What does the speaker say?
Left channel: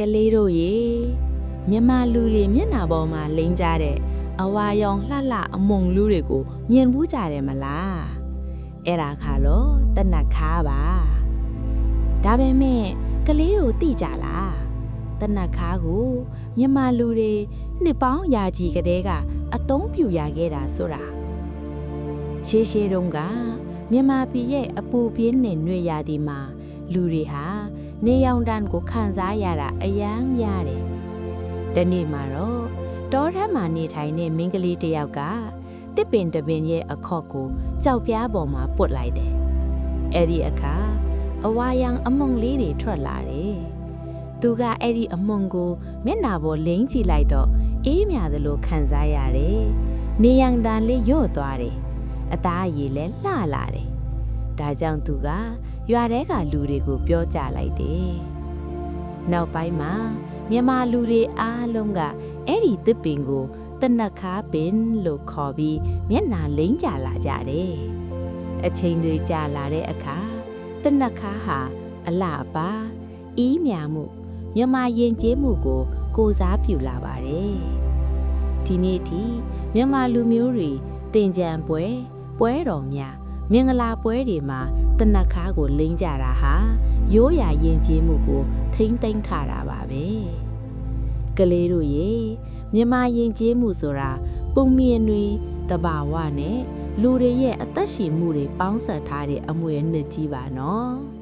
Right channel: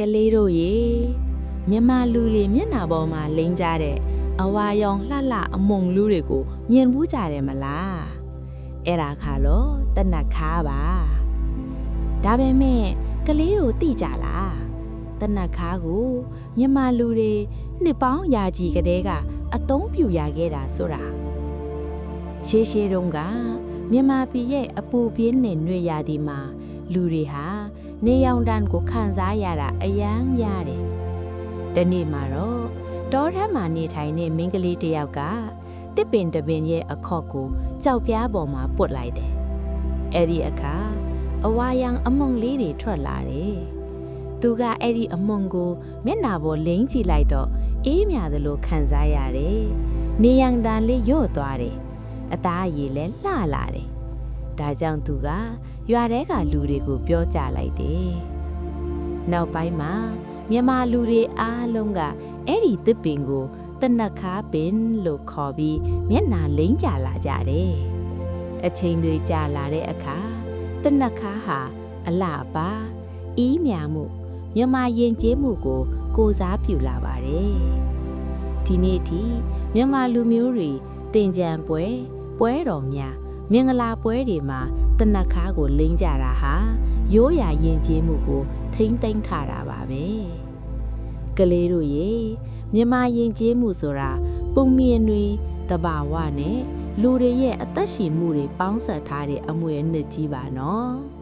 ကလေးတို့ရေမြန်မာလူတွေမျက်နှာပေါ်မှာလိမ့်ကြတဲ့အဝါရောင်လှလှအမုံလူတွေကိုမြင်ဘူးကြတယ်မလားအဲ့ဒါခါတော့တနတ်ခါပါဒါပေမဲ့ကလေးတို့သိကြလားတနတ်ခါကိုမြန်မာလူတွေနှစ်ပေါင်းရာကြီးကတည်းကအသုံးပြုရခဲ့တာဆိုတာရှေးတုန်းကမြန်မာပြည်ရဲ့အပူပြင်းတဲ့နှွေရာသီမှာလူတွေဟာနေရောင်တန်းကိုခံစားရတာအယမ်းများတယ်။ဒီနေ့မှာတော့တောထဲမှာနေထိုင်တဲ့မိန်းကလေးတစ်ယောက်ကတစ်ပင်တစ်ပင်ရဲ့အခေါက်ကိုကြောက်ပြားပေါ်မှာပုတ်လိုက်တယ်။အဲ့ဒီအခါအဝါရောင်အမုံလေးတွေထွက်လာတယ်။သူကအဲ့ဒီအမုံကိုမျက်နှာပေါ်လိမ့်ကြည့်လိုက်တော့အေးမြသလိုခံစားရတယ်။နေရောင်တန်းလေးညှို့သွားတယ်။အသားရည်လည်းလှလာတယ်။ဒါကြောင့်သူကရွာထဲကလူတွေကိုပြောကြလိုက်တယ်။နောက်ပိုင်းမှာမြန်မာလူတွေအားလုံးကအဲ့ဒီတစ်ပင်ကိုတနတ်ခါပင်လို့ခေါ်ပြီးမျက်နှာလိမ့်ကြလာကြတယ်။အချိန်တွေကြာလာတဲ့အခါတနတ်ခါဟာအလှပါအေးမြမှုမြန်မာယဉ်ကျေးမှုကိုစားပြုလာပါတယ်။ဒီနေ့ထိမြန်မာလူမျိုးတွေတင်ကြံပွဲတော်များမင်္ဂလာပွဲတွေမှာတနတ်ခါကိုလိမ့်ကြတာဟာရိုးရာယဉ်ကျေးမှုကိုထိမ့်သိမ်းထားတာပါပဲကလေးတို့ရေမြန်မာယဉ်ကျေးမှုဆိုတာပုံမြင်တွေတဘာဝနဲ့လူတွေရဲ့အသက်ရှင်မှုတွေပေါင်းစပ်ထားတဲ့အမွေအနှစ်ကြီးပါနော်